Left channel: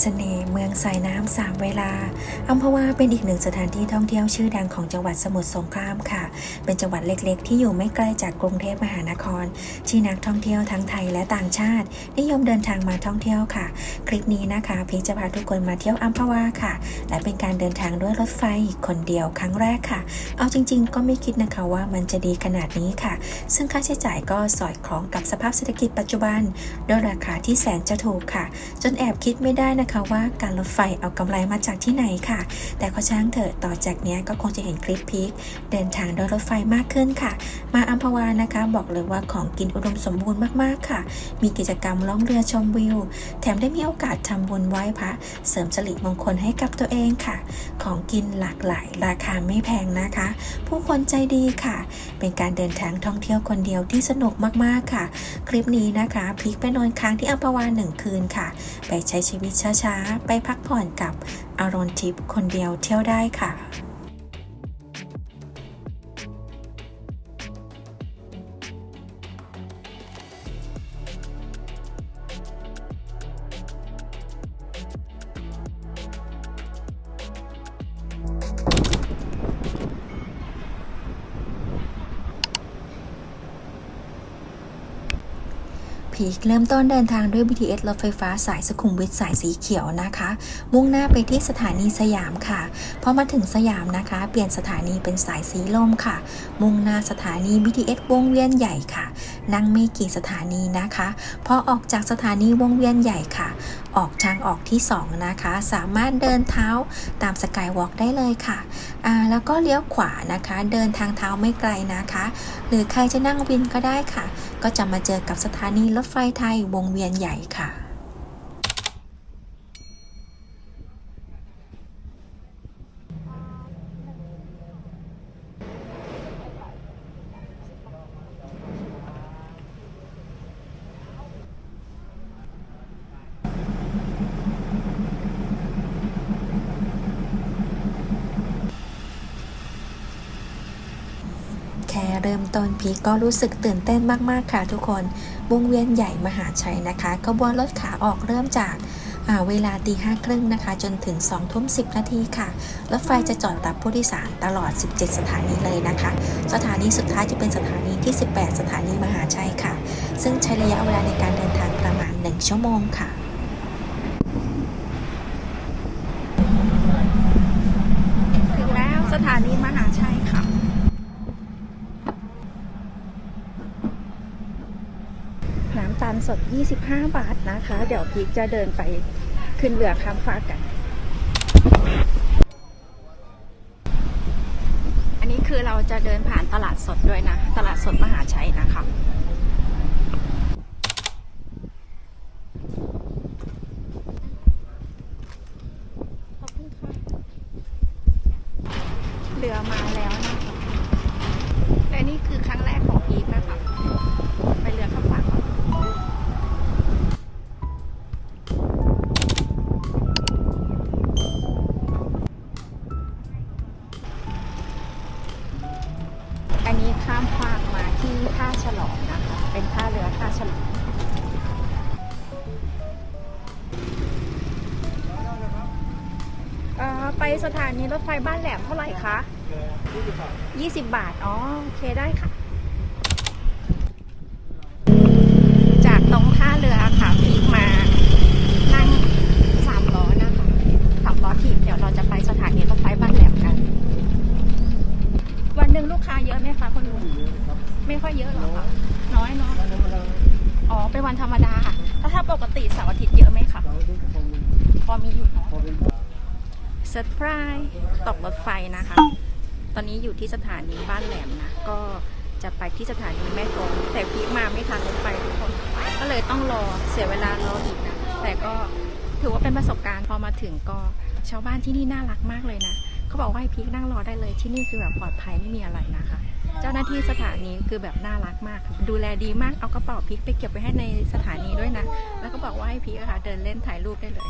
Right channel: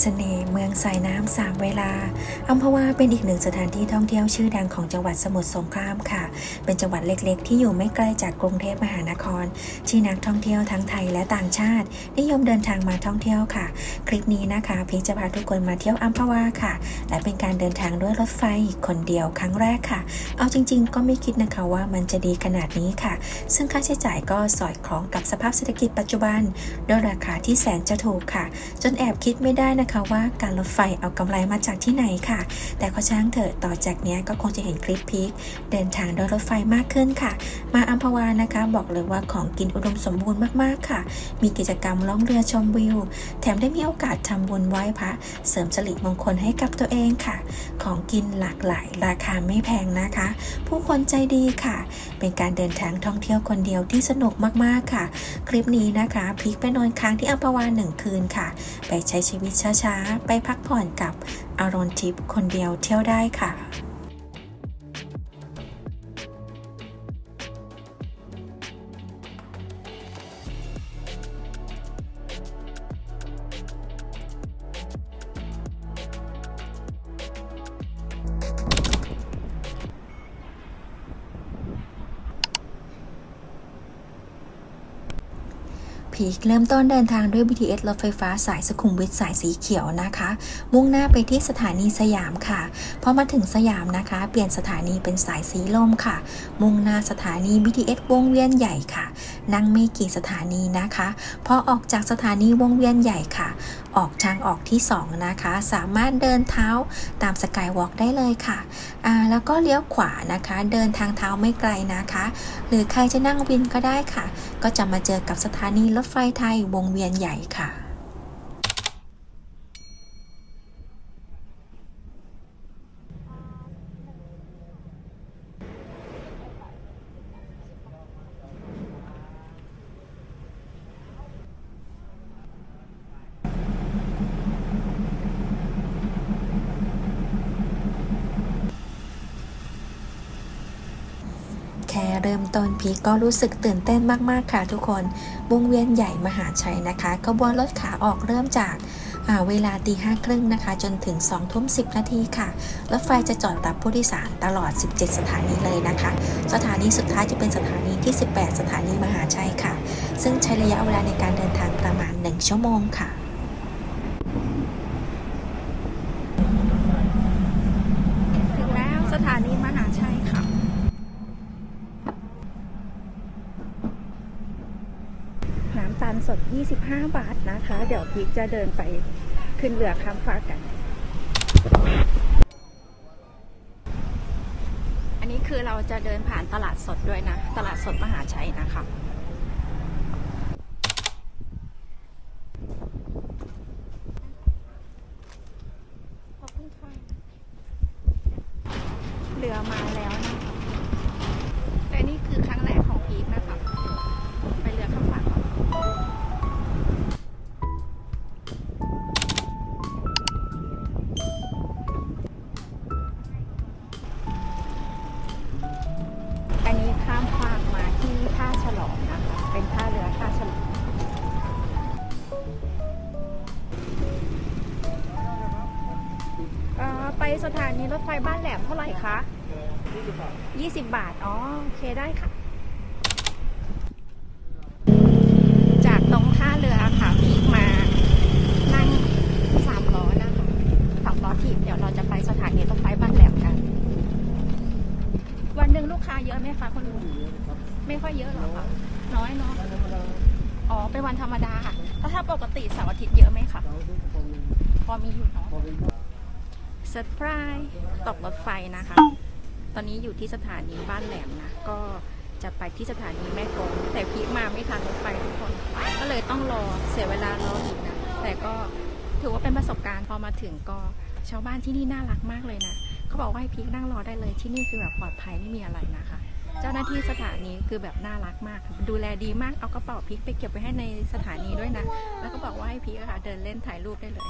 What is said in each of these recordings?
เสน่ห์เมืองสายน้ำสามเวลาอัมพวาเป็นอีกหนึ่งสถานที่ท่องเที่ยวชื่อดังของจังหวัดสมุทรสงครามค่ะ เป็นจังหวัดเล็กๆ ที่อยู่ไม่ไกลจากกรุงเทพมหานคร ที่นักท่องเที่ยวทั้งไทยและต่างชาติ นิยมเดินทางมาท่องเที่ยวค่ะ คลิปนี้นะคะพีคจะพาทุกคนมาเที่ยวอัมพวาค่ะ และเป็นการเดินทางด้วยรถไฟคนเดียวครั้งแรกค่ะ เอาจริง ๆ ก็ไม่คิดนะคะว่ามันจะดีขนาดนี้ค่ะ ซึ่งค่าใช้จ่ายก็สอดคล้องกับสภาพเศรษฐกิจปัจจุบัน ด้วยราคาที่แสนจะถูกค่ะ จนแอบคิดไม่ได้นะคะว่าการรถไฟเอากำไรมาจากที่ไหนค่ะ แต่ก็ช่างเถอะต่อจากนี้ก็คงจะเห็นคลิปพีคเดินทางโดยรถไฟมากขึ้นค่ะ มาอัมพวานะคะ บอกเลยว่าของกินอุดมสมบูรณ์มากๆค่ะ มีกิจกรรมล่องเรือชมวิว แถมได้มีโอกาสทำบุญไหว้พระเสริมสิริมงคลให้กับตัวเองค่ะ ของกินหลากหลาย ราคาไม่แพงนะคะ ผู้คนใจดีค่ะ เป็นการเดินทางท่องเที่ยวคนเดียวที่สนุกมากๆค่ะ คลิปนี้นะคะพีคไปนอนค้างที่อัมพวาหนึ่งคืนค่ะ ไปใช้ชีวิตช้าๆ ไปพักผ่อนกับอารอนทิปคนเดียวเที่ยวได้ค่ะ เริ่มต้นเดินทางด้วย BTS รถไฟฟ้าสายสุขุมวิทสายสีเขียวนะคะ มุ่งหน้าไปที่สถานีสยามค่ะ พอมาถึงสยามนะคะ เปลี่ยนสถานีเป็นสายสีลมค่ะ มุ่งหน้าสถานี BTS วงเวียนใหญ่ค่ะ นั่งไม่กี่สถานีนะคะ พอออกจากสถานีวงเวียนใหญ่ค่ะออกทางออกที่ 2 นะคะ สามารถเดินเท้าตามสกายวอล์กได้เลยค่ะอ่าแล้วก็เลี้ยวขวานะคะ เดินทางเท้าไม่ไกลนะคะ หรือใครจะนั่งวินก็ได้ค่ะ ก็จะมาเจอกับสถานีรถไฟไทยวงเวียนใหญ่ค่ะ แค่ เริ่มต้นพีก็รู้สึกตื่นเต้นมาก ๆ ค่ะทุกคนวงเวียนใหญ่มหาชัยนะคะขบวนรถขาออกเริ่มจากเวลาตีห้าครึ่งนะคะ จนถึง2ทุ่ม10นาทีค่ะ รถไฟจะจอดรับผู้โดยสารตลอด 17 สถานีเลยนะคะ สถานีสุดท้ายจะเป็นสถานีที่ 18 สถานีมหาชัยค่ะ ซึ่งใช้ระยะเวลาในการเดินทางประมาณ 1 ชั่วโมงค่ะ ถึงแล้วสถานีมหาชัยค่ะ น้ำตาล สด 25 บาทนะคะ เดี๋ยวพีกจะเดินไปขึ้นเรือข้ามฟากกัน อันนี้คือเราจะเดินผ่านตลาดสดด้วยนะ ตลาดสดมหาชัยนะคะ รถไฟบ้านแหลมเท่าไหร่คะ20 บาท อ๋อ โอเคได้ค่ะ จากตรงท่าเรือค่ะพีกมา นั่งสามล้อนะคะสามล้อถีเดี๋ยวเราจะไปสถานีรถไฟบ้านแหลมกัน วันหนึ่งลูกค้าเยอะไหมคะคุณลุงไม่ค่อยเยอะหรอคะน้อยเนาะอ๋อ เป็นวันธรรมดาค่ะแล้วถ้าปกติเสาร์อาทิตย์เยอะไหมคะพอมีอยู่เนาะ เซอร์ไพรส์ตกรถไฟนะคะ ตอนนี้อยู่ที่สถานีบ้านแหลมนะ ก็จะไปที่สถานีแม่กลองแต่พีมาไม่ทันรถไฟทุกคน ก็เลยต้องรอเสียเวลารออีกนะ แต่ก็ถือว่าเป็นประสบการณ์พอมาถึงก็ชาวบ้านที่นี่น่ารักมากเลยนะเขาบอกว่าให้พีนั่งรอได้เลยที่นี่คือแบบปลอดภัยไม่มีอะไรนะคะ เจ้าหน้าที่สถานีคือแบบน่ารักมาก ดูแลดีมากเอากระเป๋าพีคไปเก็บไว้ให้ในสถานีด้วยนะ แล้วก็บอกว่าให้พีคอะค่ะเดินเล่นถ่ายรูปได้เลย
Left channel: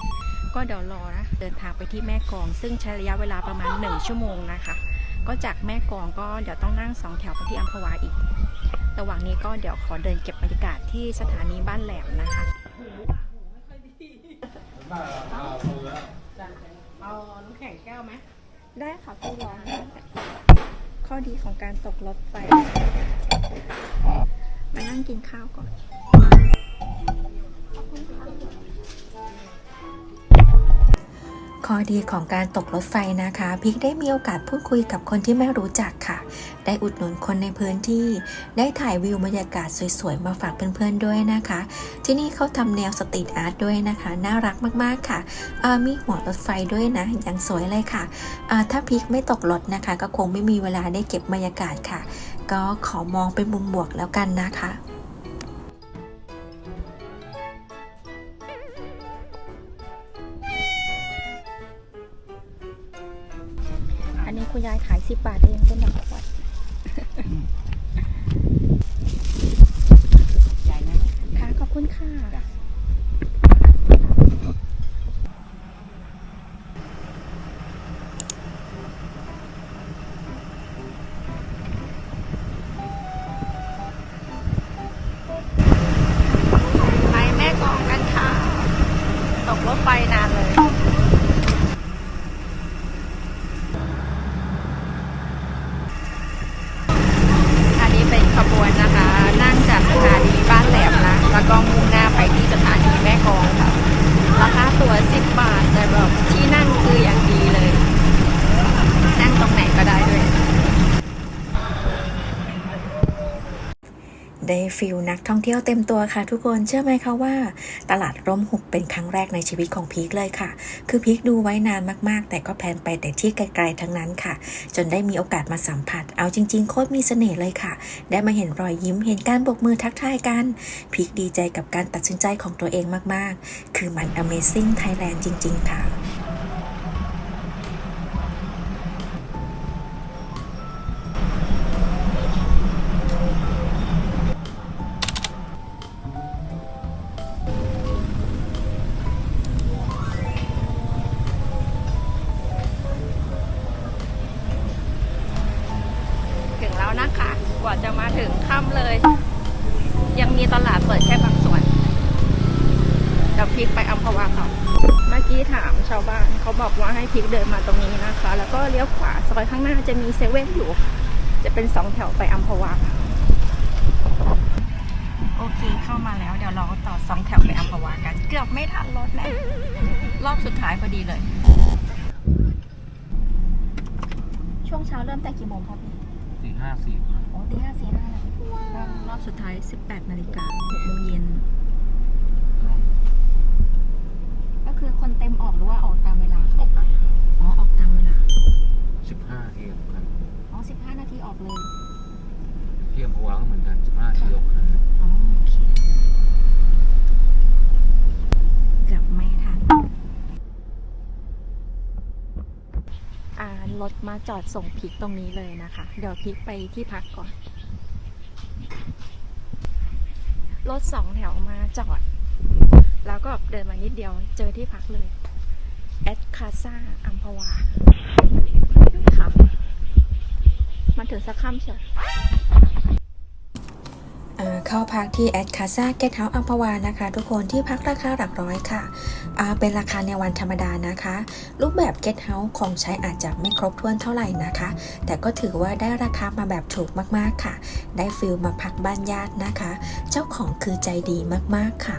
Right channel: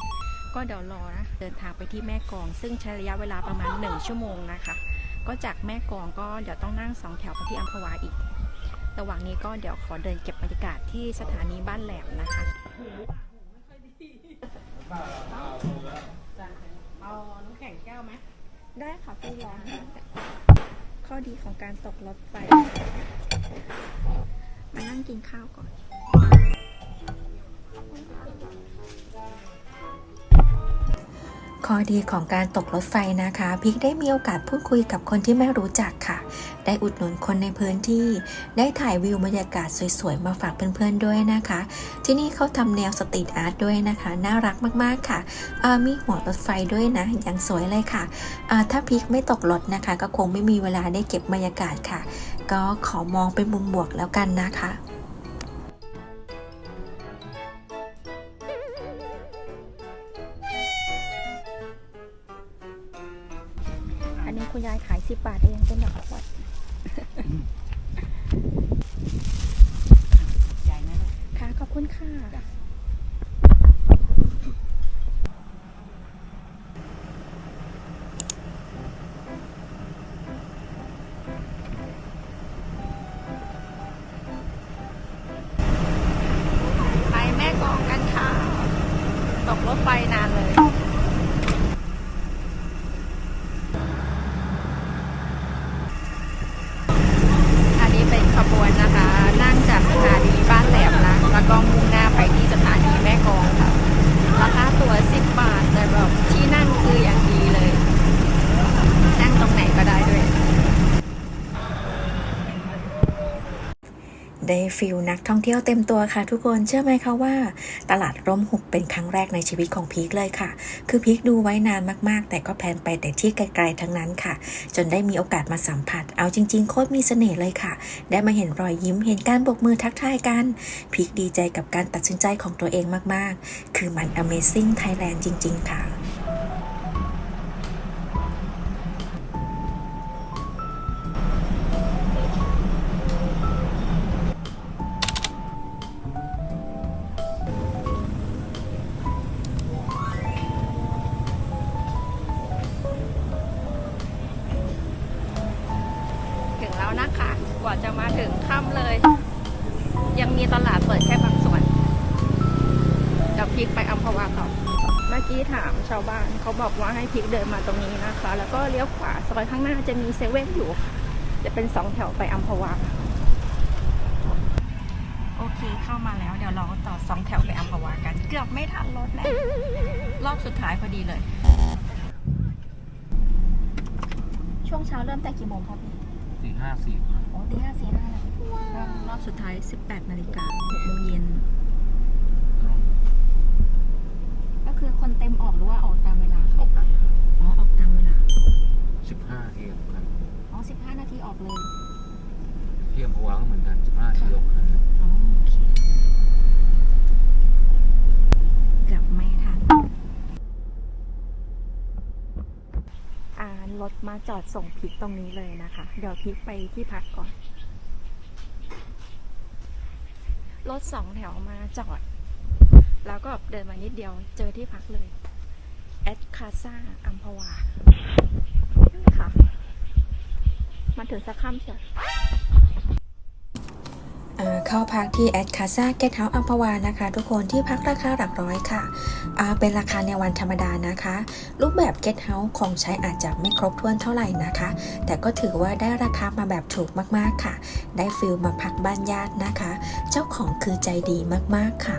ก็เดี๋ยวรอนะ เดินทางไปที่แม่กลอง ซึ่งใช้ระยะเวลาประมาณ 1 ชั่วโมงนะคะ ก็จากแม่กลองก็เดี๋ยวต้องนั่งสองแถวไปที่อัมพวาอีก ระหว่างนี้ก็เดี๋ยวขอเดินเก็บบรรยากาศที่สถานีบ้านแหลมนะคะเอาน้ำแข็งแก้วไหมได้ค่ะพี่ร้อนข้อดีของการตกรถไฟ มานั่งกินข้าวก่อนข้อ ข้อดีของการตกรถไฟนะคะพิกได้มีโอกาสพูดคุยกับคนที่ไม่รู้จักค่ะ ได้อุดหนุนคนในพื้นที่ ได้ถ่ายวิวบรรยากาศสวยๆ มาฝากเพื่อนๆด้วยนะคะ ที่นี่เขาทำแนวสตรีทอาร์ตด้วยนะคะ น่ารักมากๆค่ะ มีหัวรถไฟด้วยนะยังสวยเลยค่ะ ถ้าพิกไม่ตกรถนะคะ ก็คงไม่มีเวลาได้เก็บบรรยากาศค่ะ ก็ขอมองเป็นมุมบวกแล้วกันนะคะ คุณยายขายสิบบาทเองเป็นดอกขวดใหญ่นะลูกค่ะขอบคุณค่ะ จ้ะ ไปแม่กลองกันค่ะ ตกรถไฟนานเลย อันนี้เป็นขบวนนะคะ นั่งจากสถานีบ้านแหลมนะ แล้วก็มุ่งหน้าไปที่สถานีแม่กลองค่ะ ราคาตั๋ว10 บาท แต่แบบที่นั่งคืออย่างดีเลย นั่งตรงไหนก็ได้ด้วย ได้ฟิลนักท่องเที่ยวเต็มตัวค่ะทุกคนเชื่อไหมคะว่า ตลาดร่มหุบเป็นครั้งแรกในชีวิตของพีคเลยค่ะ คือพีคดูไว้นานมากๆ แต่ก็แพลนไปแต่ที่ไกลๆทั้งนั้นค่ะ จนได้มีโอกาสมาสัมผัส เอาจริงๆ โคตรมีเสน่ห์เลยค่ะ ได้มาเห็นรอยยิ้มเห็นการโบกมือทักทายกันพีคดีใจกับการตัดสินใจของตัวเองมากๆ คือมัน Amazing Thailand จริง ๆ ค่ะ เดี๋ยวพลิกไปอัมพวาต่อเมื่อกี้ถามชาวบ้านเขาบอกว่าให้พลิกเดินมาตรงนี้นะคะ แล้วก็เลี้ยวขวาซอยข้างหน้าจะมีเซเว่นอยู่ จะเป็นสองแถวไปอัมพวาโอเคเข้ามาแล้วเดี๋ยวเราต่อสองแถวไปอัมพวากัน เกือบไม่ทันรถแล้วรอบสุดท้ายพอดีเลย ช่วงเช้าเริ่มแต่กี่โมงครับพี่สี่ห้าสี่โอ้ตีห้าสี่ห้าแล้วรอบสุดท้าย 18นาฬิกา6โมงเย็น ก็ คือคนเต็มออกหรือว่าออกตามเวลาออกกันอ๋อออกตามเวลาสิบห้าเที่ยงครับอ๋อ15นาทีออกเลย เที่ยงพะวาก็เหมือนกันสิบห้าที่ออกกันอ๋อโอเคเกือบไม่ทันอ่ารถมาจอดส่งพริกตรงนี้เลยนะคะ เดี๋ยวพริกไปที่พักก่อน รถสองแถวมาจอด แล้วก็เดินมานิดเดียวเจอที่พักเลยแอดคาซาอัมพวาค่ะมันถึงสักค่ำเชียวเข้าพักที่แอดคาซาเกตเฮาส์อัมพวานะคะ ทุกคนที่พักราคาหลักร้อยค่ะ เป็นราคาในวันธรรมดานะคะ รูปแบบเกตเฮาส์ของใช้อาจจะไม่ครบถ้วนเท่าไหร่นะคะ แต่ก็ถือว่าได้ราคามาแบบถูกมากๆค่ะ ได้ฟิลมาพักบ้านญาตินะคะ เจ้าของคือใจดีมากๆค่ะ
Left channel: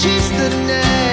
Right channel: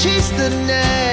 She's the name.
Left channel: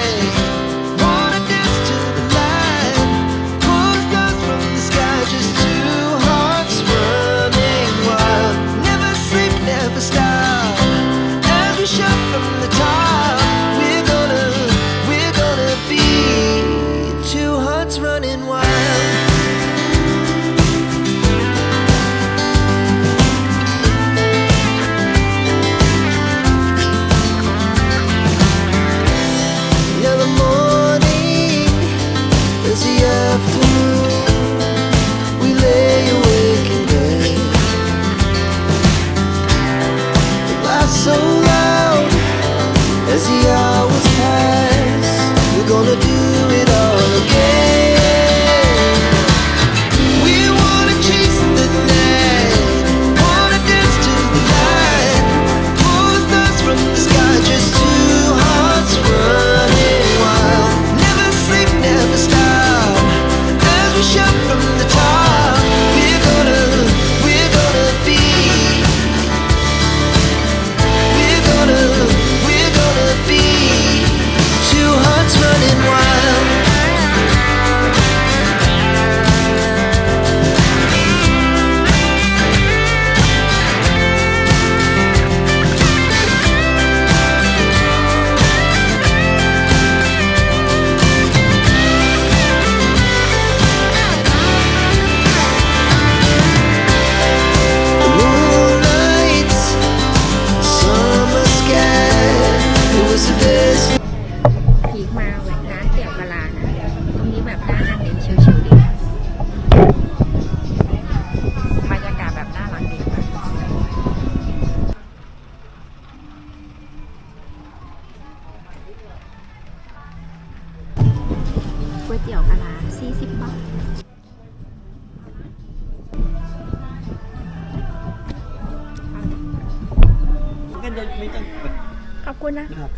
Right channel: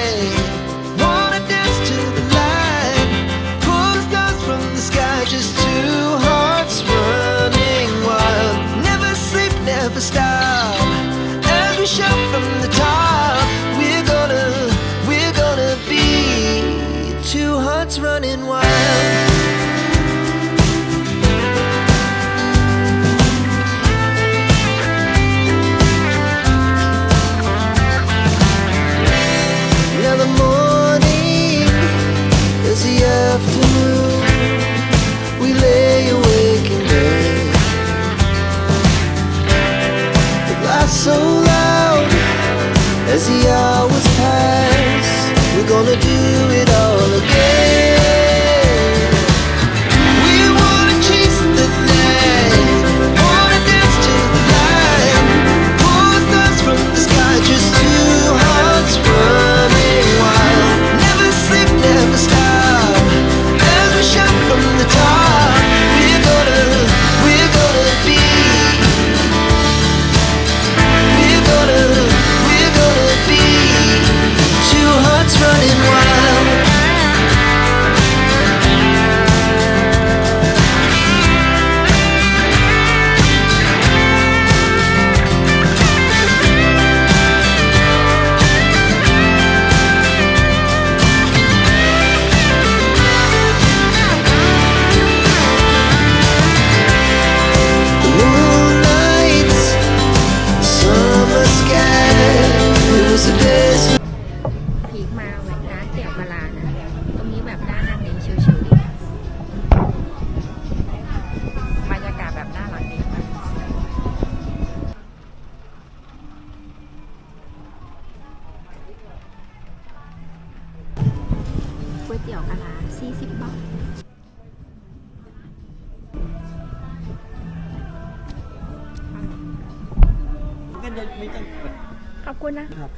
Cause you. ก๋วยเตี๋ยวกะลา40 บาทก็จะไม่ต้องขอบคุณนะ ครับ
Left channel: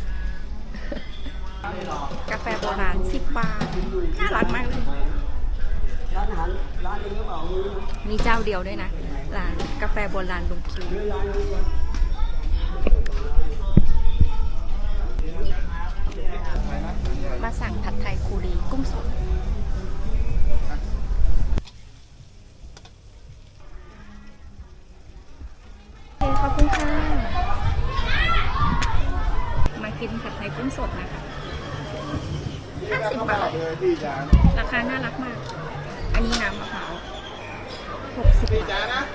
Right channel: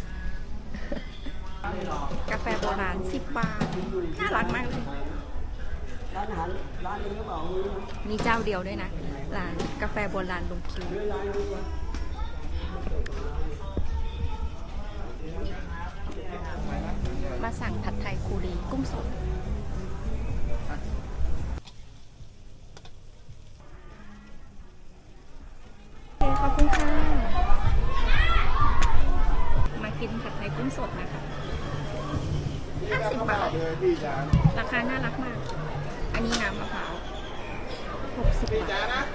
กาแฟโบราณ 10 บาท น่ารักมากเลย ร้านอาหารร้านนี้ก็บอกมีเจ้าเดียวด้วยนะ ร้านกาแฟโบราณลุงคิวมา สั่งผัดไทยคูรีกุ้งสดโอเคขอบคุณค่ะ มากินผัดไทยกุ้งสดนะคะ50 บาท ราคาน่ารักมาก อันนี้น้ำมะพร้าว60 บาท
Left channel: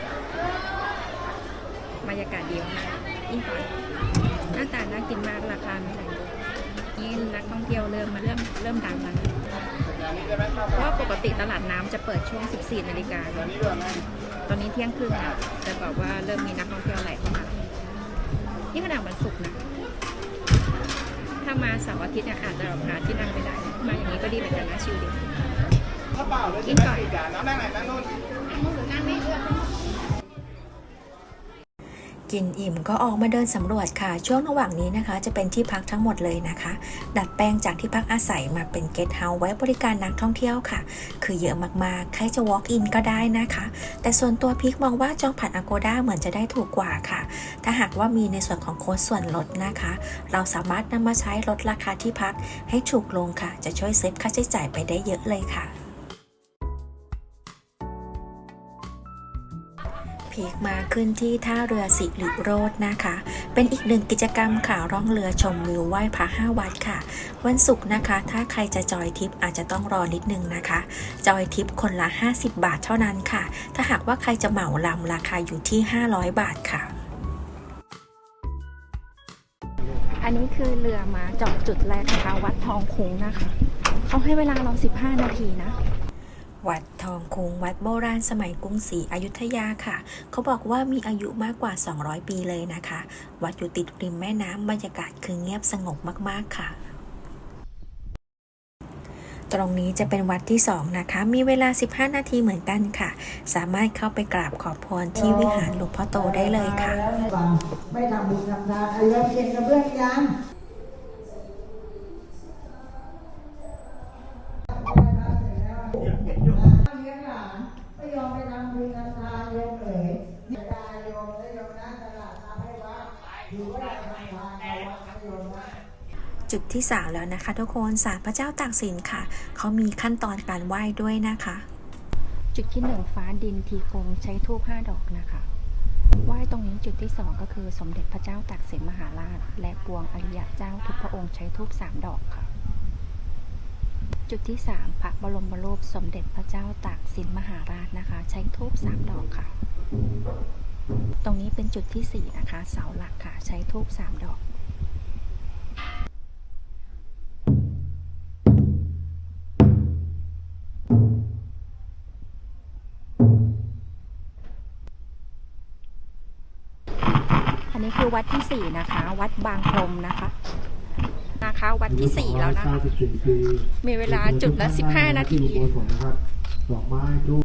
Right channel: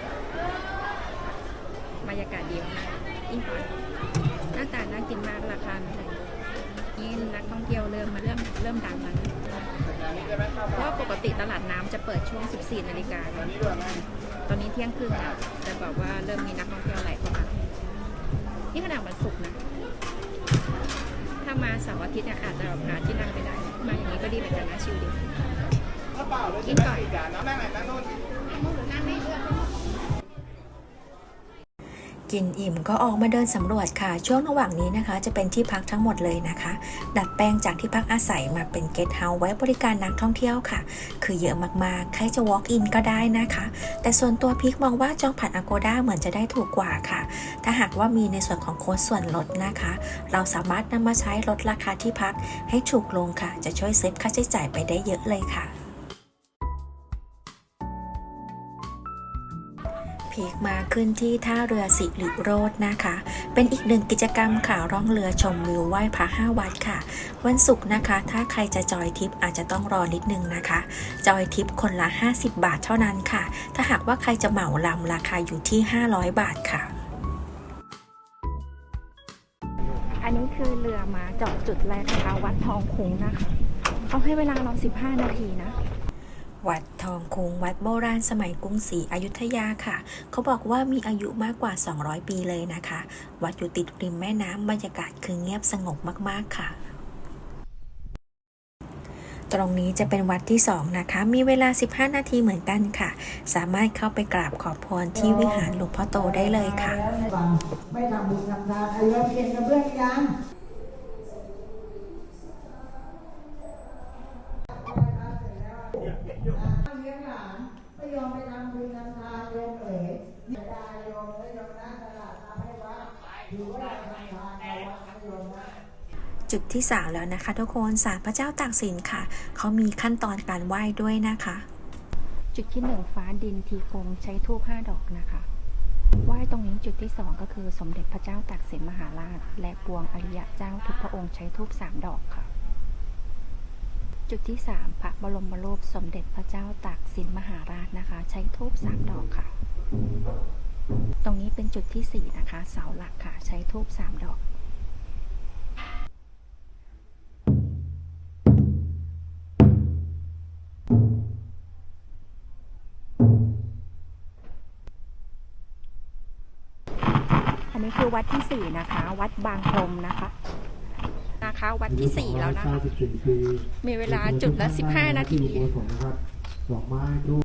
บรรยากาศดีมากยิ่งตอนหน้าตาน่ากินมาก ราคาไม่แรง นี่นักท่องเที่ยวเริ่มมาเริ่มเริ่มดังแล้วเพราะว่าปกติตลาดน้ำจะเปิดช่วง 14 นาฬิกา ตอนนี้เที่ยงครึ่งแล้วแต่แบบว่าเริ่มมีนักท่องเที่ยวไหลเข้ามา นี่ขนาดวันศุกร์นะ ถ้ามาเสาร์อาทิตย์เนี่ยอาจจะหาที่นั่งไม่ได้ มาอย่างนี้ก็ดีเหมือนกันนะชิลดี กินก่อน นั่งไม่เลือ กินอิ่มก็ออกมาเดินสำรวจค่ะ ช่วงระหว่างนี้นะคะ จะเป็นที่พักทั้งหมดเลยนะคะ ดัดแปลงจากที่พักอาศัยมาเป็นเกสต์เฮาส์ไว้บริการนักท่องเที่ยวค่ะ คือเยอะมากๆ ใครจะ walk in ก็ได้นะคะ แต่ส่วนตัวพิกมองว่าจองผ่าน Agoda เหมือนจะได้ถูกกว่าค่ะ ถ้าหากว่ามีในส่วนของโค้ดส่วนลดนะคะ เราสามารถนำมาใช้ลดราคาที่พักให้ถูกลงค่ะ จะช่วยเซฟค่าใช้จ่ายไปได้เยอะเลยค่ะ พกมาขึ้นที่ท่าเรือสิริโรจน์นะคะ เป็นอีกหนึ่งกิจกรรมค่ะร่องเรือชมวิวไหว้พระห้าวัดค่ะ วันศุกร์นะคะ ถ้าใครจะจอยทิปอาจจะต้องรอนิดนึงนะคะ จอยทิปคนละ 50 บาทเท่านั้นค่ะ ถ้าหากว่าใครจะเหมาลำราคาอยู่ที่ 500 บาทค่ะ อันนี้คือเรือมาจอดจุดแรกนะคะวัดทองคุ้งนะคะ เขาให้เวลาเรา 15 นาทีนะ วัดทองคุงวัดโบราณสมัยกรุงศรีอยุธยาค่ะ เขาบอกว่ามีอายุมากกว่า 200 ปีเลยนะคะ วัดอยู่ติดริมแม่น้ำบรรยากาศคือเงียบสงบมากๆค่ะตรงนี้จะเป็นวัดที่ 2 นะคะ มีเวลา 15 นาทีเหมือนกันค่ะ สามารถเข้าไปกราบขอพรที่วิหารหลวงพ่อโตได้เลยค่ะ ไม่ทำบุญทำทานไอ้เรเพียนกับเพื่อนยัง จุดที่ 3 แล้วนะคะ ทุกคนศาลพระเจ้าตากสินค่ะ เขามีขั้นตอนการไหว้ด้วยนะคะ จุดที่หนึ่งฟ้าดินทีกงใช้ทูบห้าดอกนะคะไหว้ตรงนี้จุดที่สองก็คือสมเด็จพระเจ้าตากสินมหาราช และปวงอริยะเจ้าทุกพระองค์ใช้ทูบสามดอกค่ะ จุดที่สามพระบรมรูปสมเด็จพระเจ้าตากสินมหาราชนะคะ ใช้ทูบสามดอกค่ะ ตรงนี้เป็นจุดที่สี่นะคะ เสาหลักค่ะ ใช้ทูบสามดอก วัดที่สี่นะคะ วัดบางพรมนะคะ นะคะ วัดที่สี่แล้วนะคะ94ปีมีเวลาจุดละ15นาทีที่อุโบสถนะครับดอกไม้ทูบ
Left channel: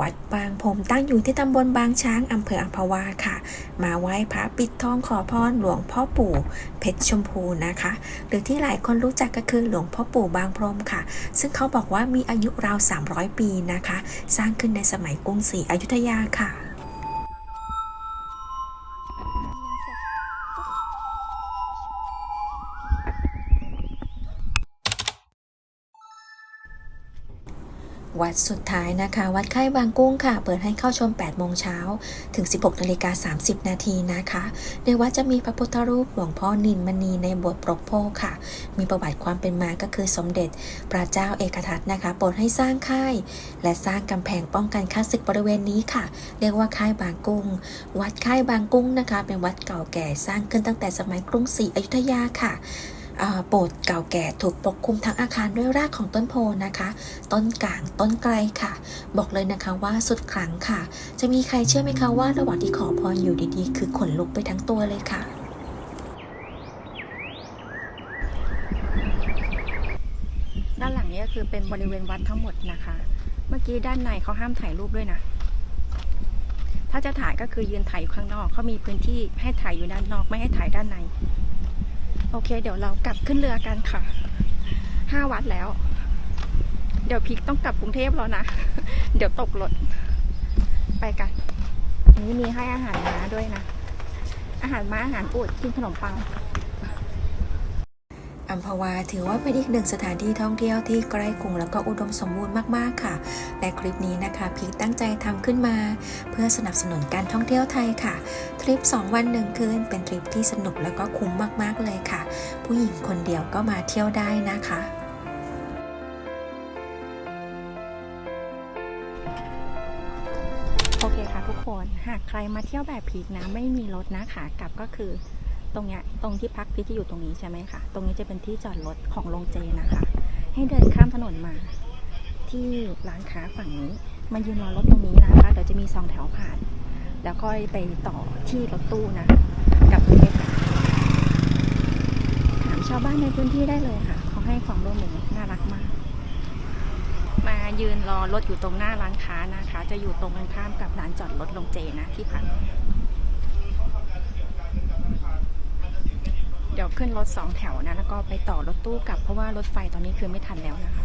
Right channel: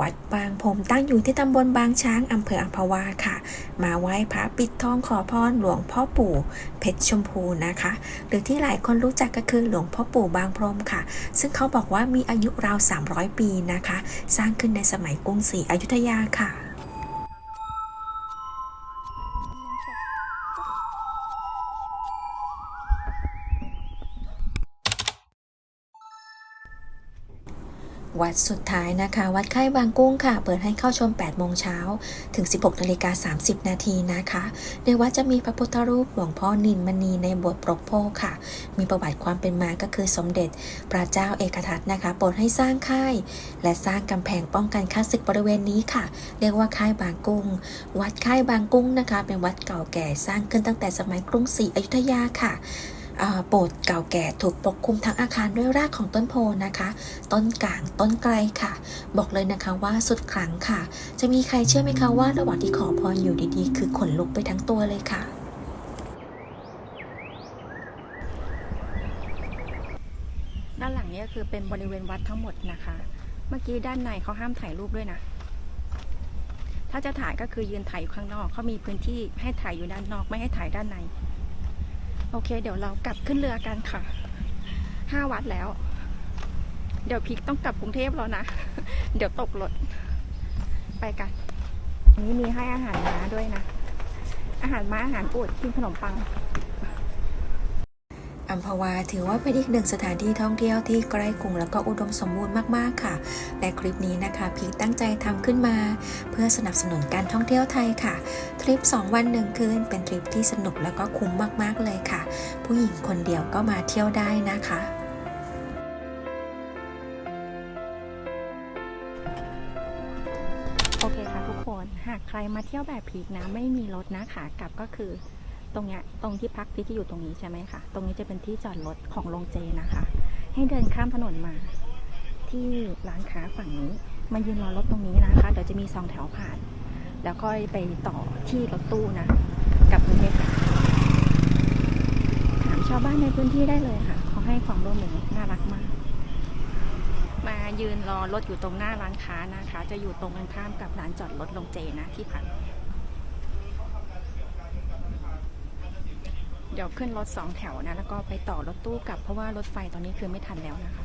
วัดบางพรมตั้งอยู่ที่ตำบลบางช้างอำเภออัมพวาค่ะ มาไหว้พระปิดทองขอพรหลวงพ่อปู่เพชรชมพูนะคะ หรือที่หลายคนรู้จักก็คือหลวงพ่อปู่บางพรมค่ะ ซึ่งเขาบอกว่ามีอายุราว 300 ปีนะคะ สร้างขึ้นในสมัยกรุงศรีอยุธยาค่ะ วัดสุดท้ายนะคะ วัดไข่บางกุ้งค่ะ เปิดให้เข้าชม 8 โมงเช้าถึง 16 นาฬิกา 30 นาทีนะคะ ในวัดจะมีพระพุทธรูปหลวงพ่อนินมณีในบทปรกโพธิ์ค่ะ มีประวัติความเป็นมาก็คือสมเด็จ พระเจ้าเอกทัตนะคะ โปรดให้สร้างค่าย และสร้างกำแพงป้องกันข้าศึกบริเวณนี้ค่ะ เรียกว่าค่ายบางกุ้ง วัดค่ายบางกุ้งนะคะ เป็นวัดเก่าแก่สร้างขึ้นตั้งแต่สมัยกรุงศรีอยุธยาค่ะ โบสถ์เก่าแก่ถูกปกคลุมทั้งอาคารด้วยรากของต้นโพนะคะ ต้นกลางต้นไกลค่ะ บอกเลยนะคะว่าสุดขลังค่ะ จะมีใครเชื่อไหมคะว่าระหว่างที่ขอพรอยู่ดีๆ คือขนลุกไปทั้งตัวเลยค่ะด้านหลังนี่ยคือเป็นบริเวณวัดทั้งหมดนะคะ เมื่อกี้ด้านในเขาห้ามถ่ายรูปด้วยนะ ถ้าจะถ่ายก็คือยืนถ่ายอยู่ข้างนอก เขามีพื้นที่ให้ถ่ายอยู่ด้านนอกไม่ให้ถ่ายด้านใน โอเค เดี๋ยวเรากลับขึ้นเรือกันค่ะห้าวัดแล้ว เดี๋ยวพิกต้องกลับกรุงเทพแล้วนะ เดี๋ยวตกรถไปกันอันนี้มีให้อาหารม้าด้วยนะ อาหารม้าอาหารปูดกินขนมปัง อัมพวาถือว่าเป็นอีกหนึ่งสถานที่ท่องเที่ยวที่ใกล้กรุงแล้วก็อุดมสมบูรณ์มากๆค่ะ และคลิปนี้นะคะพีคตั้งใจทำขึ้นมา เพื่อสนับสนุนการท่องเที่ยวไทยค่ะ ทริป 2 วันหนึ่งคืนเป็นทริปที่สนุกแล้วก็คุ้มมากๆเลยค่ะ ผู้หญิงคนเดียวก็มาเที่ยวได้นะคะโอเคค่ะทุกคน หากใครมาเที่ยวแบบพีกนะไม่มีรถนะขากลับก็คือ ตรงเนี้ยตรงที่พักพีคจะอยู่ตรงนี้ใช่ไหมคะตรงนี้จะเป็นที่จอดรถของโรงเจนะคะ ให้เดินข้ามถนนมา ที่ร้านค้าฝั่งนี้มายืนรอรถตรงนี้นะคะเดี๋ยวจะมีสองแถวผ่าน แล้วก็ไปต่อที่รถตู้นะกลับกรุงเพถามชาวบ้านในพื้นที่ได้เลยค่ะเขาให้ความร่วมมือน่ารักมากมายืนรอรถอยู่ตรงหน้าร้านค้านะคะ จะอยู่ตรงกันข้ามกับร้านจอดรถลงเจนะที่พัก ดี๋ยวขึ้นรถสองแถวนะ แล้วก็ไปต่อรถตู้กลับ เพราะว่ารถไฟตอนนี้คือไม่ทันแล้วนะคะ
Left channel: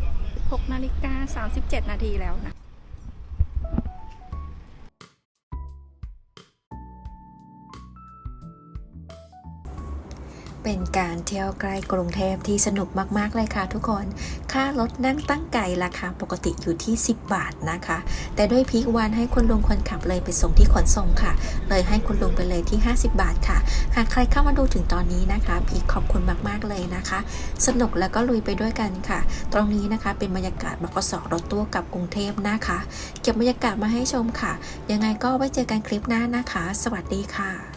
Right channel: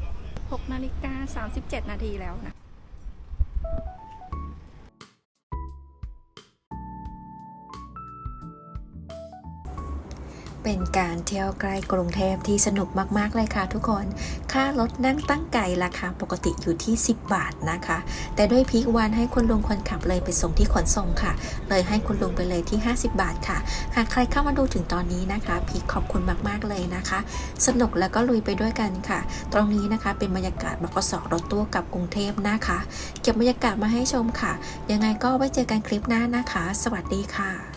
6นาฬิกา37 นาทีแล้วนะ เป็นการเที่ยวใกล้กรุงเทพที่สนุกมาก ๆ เลยค่ะทุกคน ค่ารถนั่งตั้งไก่ราคาปกติอยู่ที่ 10 บาทนะคะ แต่ด้วยพีควันให้คุณลุงคนขับเลยไปส่งที่ขนส่งค่ะ เลยให้คุณลุงไปเลยที่ 50 บาทค่ะ หากใครเข้ามาดูถึงตอนนี้นะคะ พีคขอบคุณมาก ๆ เลยนะคะ สนุกแล้วก็ลุยไปด้วยกันค่ะ ตรงนี้นะคะเป็นบรรยากาศบกสรถตู้กลับกรุงเทพนะคะ เก็บบรรยากาศมาให้ชมค่ะ ยังไงก็ไว้เจอกันคลิปหน้านะคะ สวัสดีค่ะ